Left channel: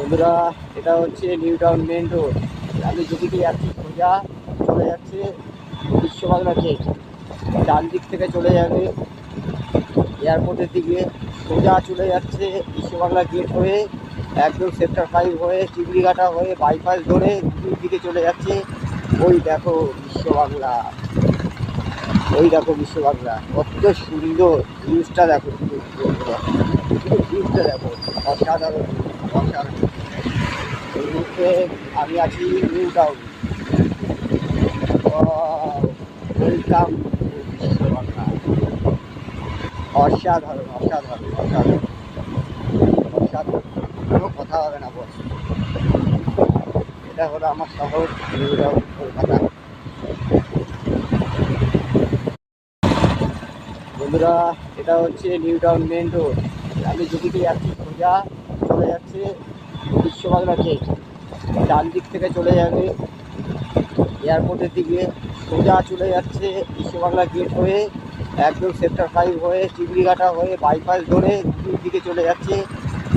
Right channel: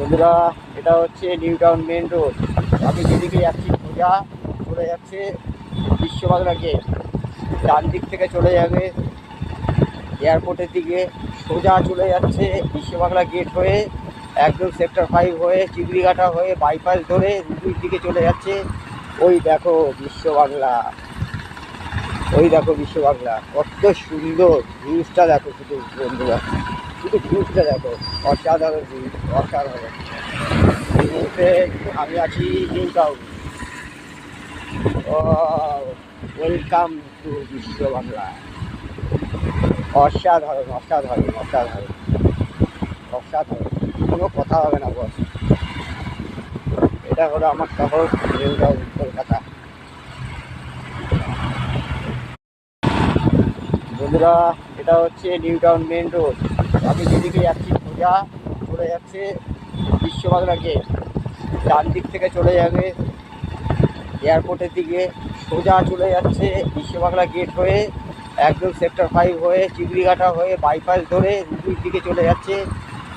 বন্ধুরা, এটা হচ্ছে নিউ টাউন মেন রোড। আমি যেদিকে যাচ্ছি সোজা চলে যাচ্ছে বিশ্ববাংলা গেট। ডান দিক থেকে চলে যাবে এয়ারপোর্টের দিকে, সোজা চলে যাচ্ছে বিশ্ববাংলা গেট হয়ে একদম সেক্টর 5 হয়ে চিংড়িঘাটা হয়ে বাইপাস ধরে দুই দিকে চলে যাচ্ছে। ওই দেখো বিশ্ববাংলা, ওই দেখো বিশ্ববাংলা, কত সুন্দর ভিউজটা দেখো শুধু বন্ধুরা, শুধু ভিউজটা দেখো, অসাধারণ ভিউজ, অসাধারণ। এই মুহূর্তে আমি আছি new town. Welcome to Biswa Bangla. অসাধারণ অসাধারণ অসাধারণ অসাধারণ, কোনো কথা হবে না বস। এটা হলো আমার শহর নিউ টাউন, কলকাতা। বন্ধুরা, এটা হচ্ছে নিউ টাউন মেন রোড। আমি যেদিকে যাচ্ছি সোজা চলে যাচ্ছে বিশ্ববাংলা গেট। ডান দিক থেকে চলে যাবে এয়ারপোর্টের দিকে, সোজা চলে যাচ্ছে বিশ্ববাংলা গেট হয়ে একদম সেক্টর 5 হয়ে চিংড়িঘাটা হয়ে বাইপাস ধরে দুই দিকে চলে যাচ্ছে।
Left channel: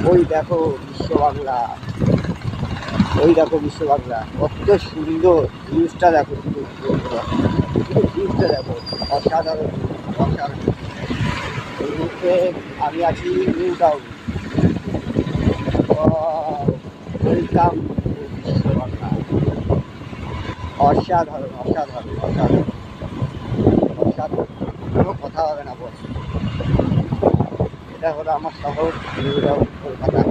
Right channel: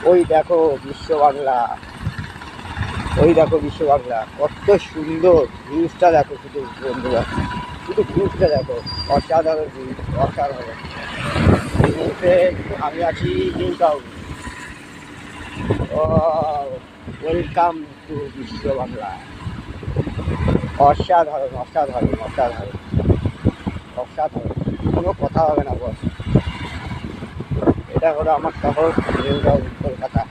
ওই দেখো বিশ্ববাংলা, ওই দেখো বিশ্ববাংলা, কত সুন্দর ভিউজটা দেখো শুধু বন্ধুরা, শুধু ভিউজটা দেখো, অসাধারণ ভিউজ, অসাধারণ। এই মুহূর্তে আমি আছি new town. Welcome to Biswa Bangla. অসাধারণ অসাধারণ অসাধারণ অসাধারণ, কোনো কথা হবে না বস। এটা হলো আমার শহর নিউ টাউন, কলকাতা।